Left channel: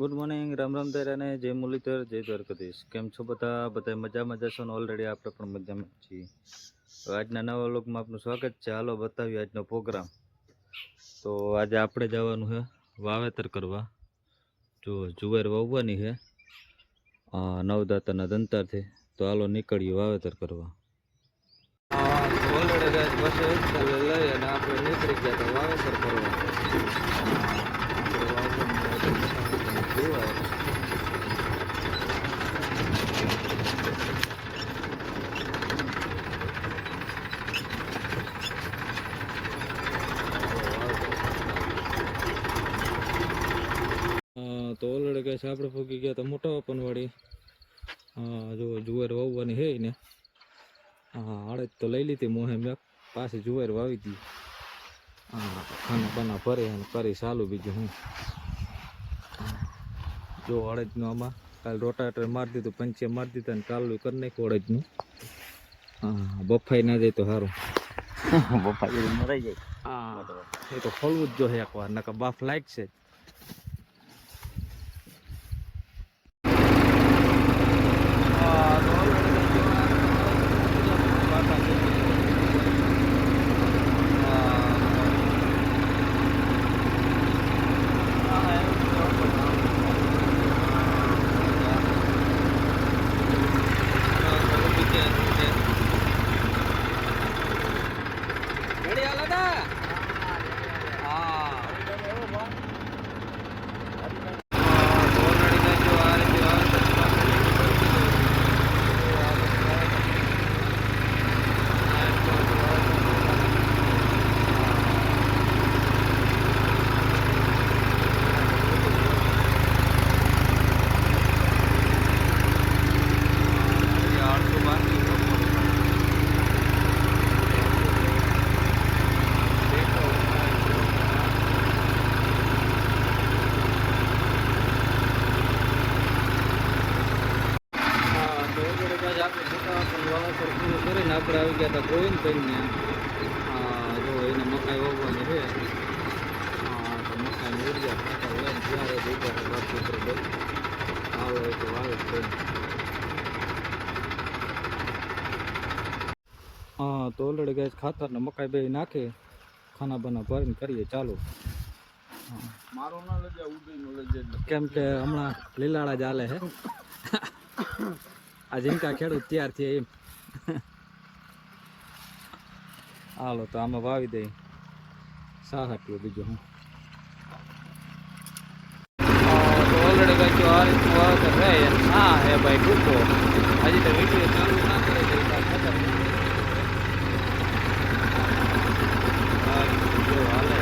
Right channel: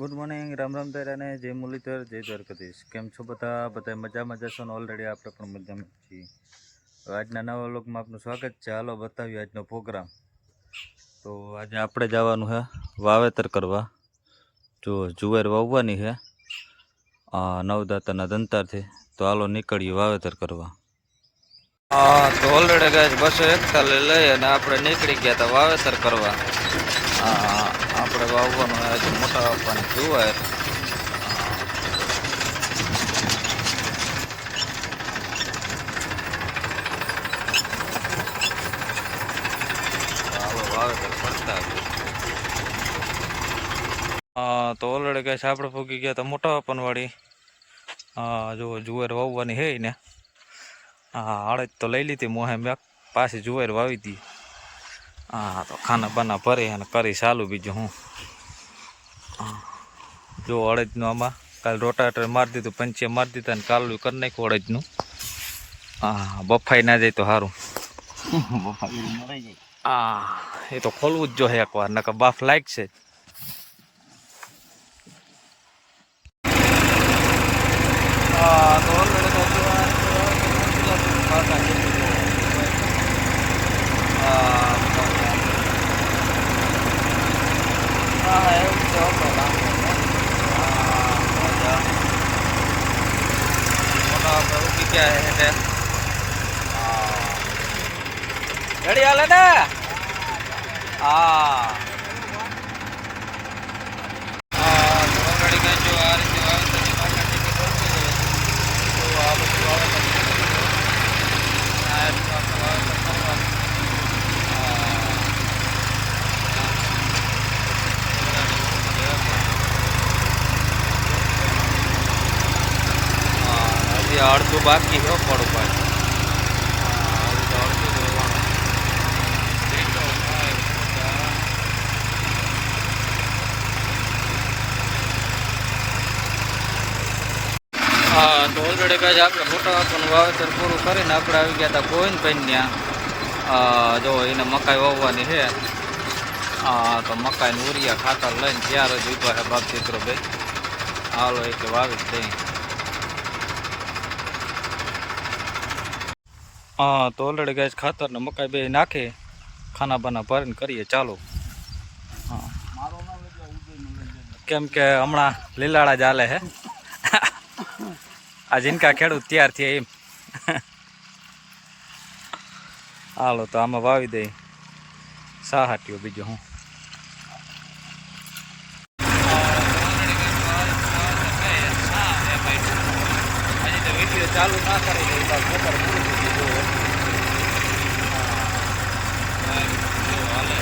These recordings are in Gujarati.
ગુડ મોર્નિંગ, રામ રામ અને જય મુરલીધર, જય દ્વારકાધીશ. કેમ છો બધા મજામાં જશો ને? ઓલરેડી આપણે પણ મજામાં છીએ. આજના નવા વ્લોગમાં આપનું સ્વાગત છે. હાલો બતાવીએ આજનો પ્રોગ્રામ. તો આજે આપણે જવાનું છે વાવેતર કરવા. જો જુવાર વાવવાની છે નવદાતાના દંતારથી. તો હાલો નીકળીએ વાવેતર કરવા. તો ઓલરેડી ગાય 241 લઈ અને આપણે નીકળી ગયા હતા વાવેતર કરવા. આપણે વાવવાનું આજે મોટા આપવાની જુવાર. તો ઓલરેડી ગાય આપણે ફૂગી ગયા હતા મોટા આપનવાળી. જો જુવાર વાવવાની હે ને. આડજ તો લઈ લીધી મોહે મેં પાછી જુવાર વાવી દી. તો ખાના બાના ભરી અને કરી ચાલુ બીજું હું. જો અડદનું આમાં કાલ રોટાટર મારી દીધું, પંચે મારી દીધા ને કાલું કરી નાખ્યું અડદનું. બફાઈ ના જાય તો સારું. બફાઈ મરાઈ જાય. એ તો ખોલવું જ જોઈએ એકવાર, નકર બાફ લાગશે. क्या है गाड़ी वाले ना तो ऑलरेडी मैं जो आ रही जो અડધું બાકી હો પડું ભાઈ. તો ઓલરેડી કાંઈ આપણે મોટા આપણું વાવેતર પૂરું કરીને આપણે આવી ગયા હતા ગોવિંદભાઈ ત્યાં. જો એને મકાઈ વાવવાની છે. તો મકાઈનું ઉરિયા ખાતર લઈને ત્યારે જ ઉભા છે બાપ દીકરો ભાઈ. હાલો એક વાવી જ દઈ. તો ઓલરેડી ગાય ખાતર ને મકાઈ બે નાખી ખાના બાના ભરીને કરીએ ચાલુ. કેમ કે હમણાં લીલાડા જ હાલે હે. આ જીનકા ખેડૂત તૈયાર થયા એમ. હાલો તો આમાં વાવી દઈ સાહાટીઓ બીજું હું. ભાઈ ટૂંકો હજી તો વિડીયો ચાલુ ના કરી દે. જો હાલે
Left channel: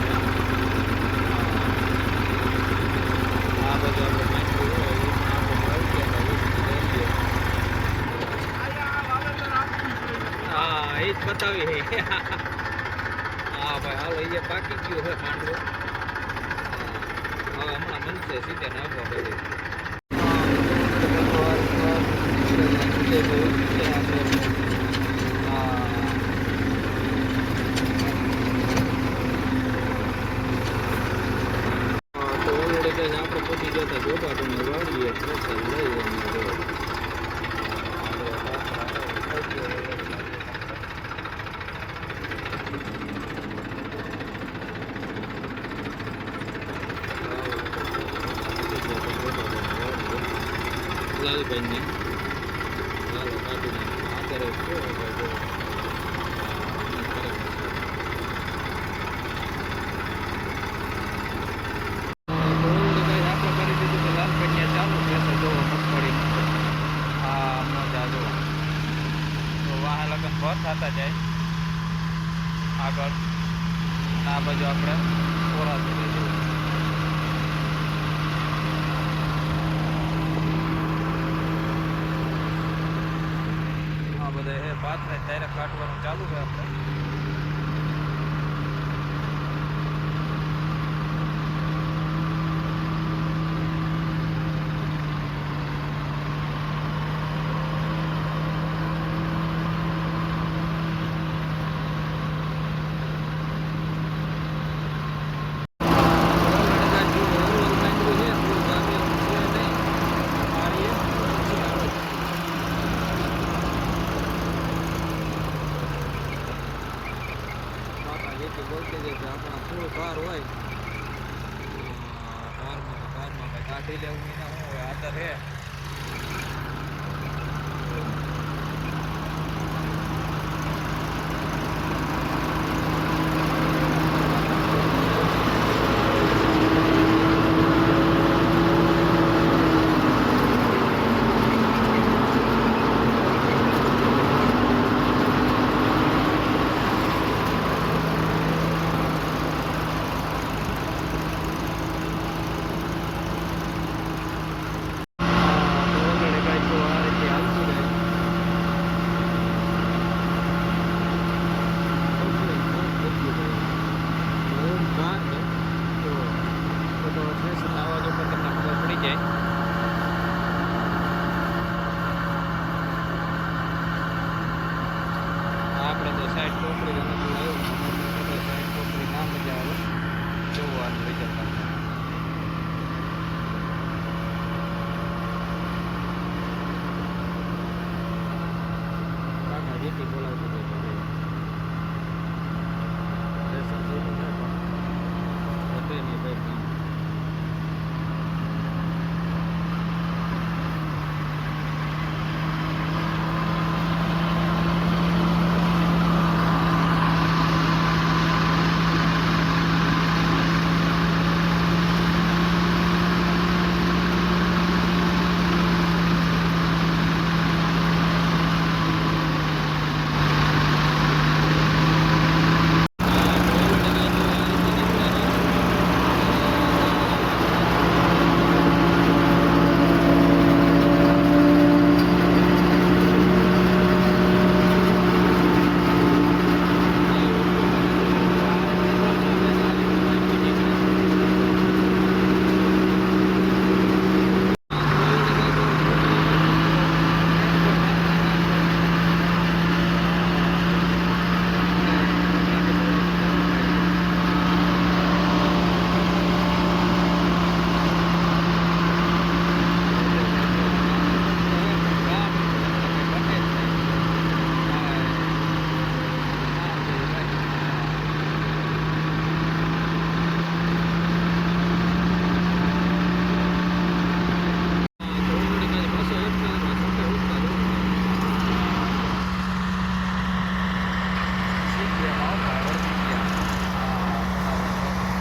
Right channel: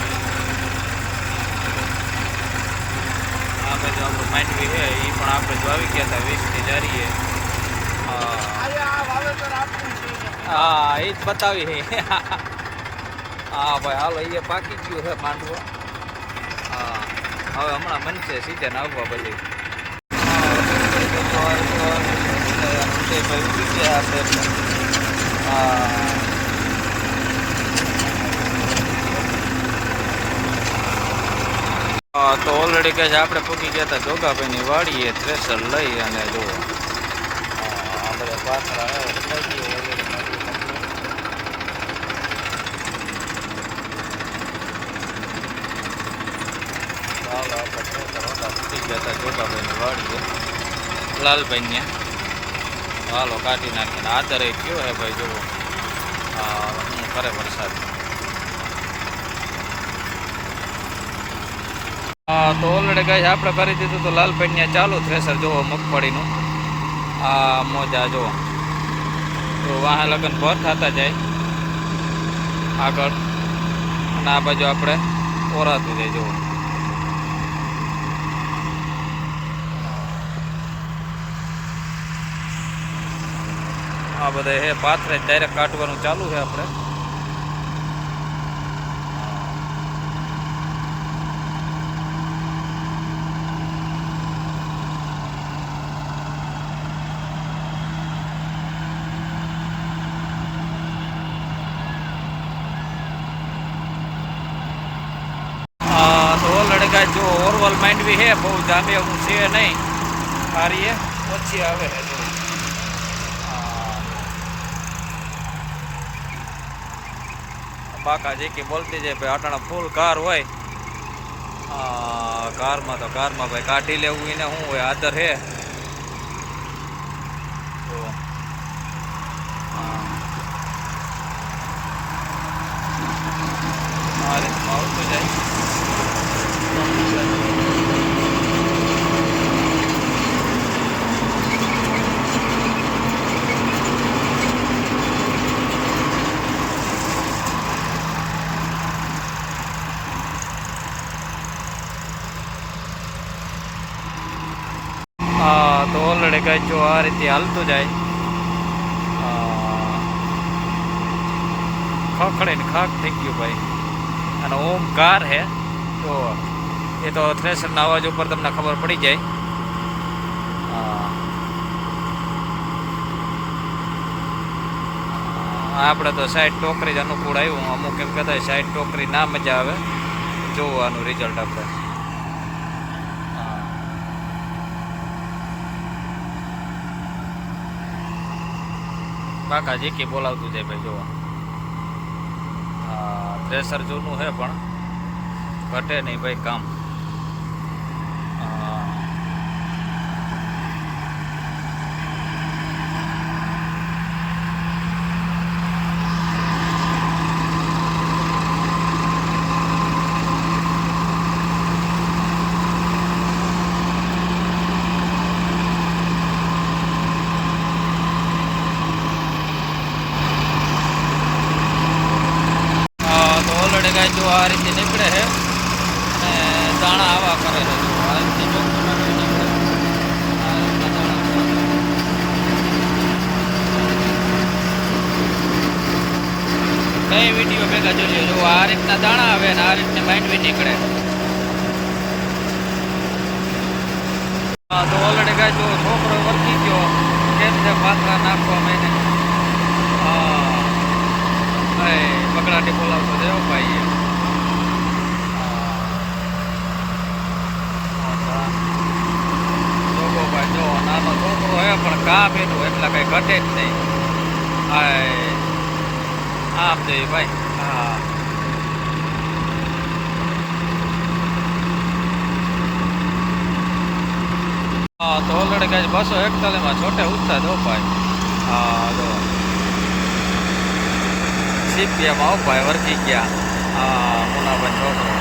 આ બાજુ આપણો માંડવી છે એ પણ આપણે જ વાવી ગયા હતા 20 ની જારીએ. એ જ બતાવી છે. ભાઈ હાલો એ પાકી ગયું છે માંડવો. હવે હમણાં બનશે સીધા નાખવા બધી. તો ઓલરેડી કહે છે આપણે પૂકી ગયા હતા જોગાભાઈની વાડીએ થ્રેસર લઈ અને જો પૂકી ગયા હતા જોગાભાઈની વાડીએ લાલભાઈને. હાલો કાઢી નાખીને આદરે કયો હે ભાઈ જો હું કરે વરસાદ. તો ઓલરેડી ગાય આપણે કરી દીધું તો લાલભાઈને ચાલુ થ્રેસર જોવો મગફળીનું. મોજા જો તો વાહ લગન ભર થતા જાય આગળ અને આ બાજુ આપણે ઓરાતું જાય જુઓ. આ બધા હે પાથરે ડાયરેક્ટ કાઢવાનું ચાલુ છે આપણે. જો ઓરવલ માંડવી હે બહુ જામે એવું છે નહીં, કાર્ય ઓછી આવે છે થોડી. બાકા જે કે બોલતી જાય ભાઈ અટાણા ફૂલ કાર હોય, કારમાં તો કારમાં ભાઈ કાઢી લેવું એને શું હોય, આદર હે. જો આ રીતે હાલતું જાય, ખખડે ને ખાક થઈ ગયું ભાઈ. અને ઓમકાર હે તો એ તો થ્રેશરના અવાજ ઉપર તમને ખબર પડી જાય. આપણે તો સાઈડ ટોકરી જ અનુકૂળ આવ્યું. અમુક એમ કહેતા સાઈડ ટોકરી ના મજા આવે જોવાનું રિઝલ્ટ આપણે. બાકા જે કે બોલાવતું જાય ભાઈ. જો થ્રેસર જૂનું છે પણ ઘટે નહીં ભાઈ કામ. જો આ રીતે નીકળે છે અને દાણા આવા કરે છે. કઈ વિડીયો ભેગા જોજો. જો આ રીતના દાણા આવે ને આ રીતની માંડવી નીકળે. તો ઓલરેડી ગાય જો છોકરો વળગી ગયો કેમ છે પાકા નાખવા એને પકડાટી બોલાવતો દેવો ભાઈ. કામ એનું એટલા કઈ ઘટે જ નહીં. આમ જોઈએ ભાઈ. હા તો ઓલરેડી કાંઈ 241 છોટે ઉઠતા દો ભાઈ. હા તો સીપીએમાં ભાઈ વર્ગી ગયા. હા મુનાભાઈ છોકરો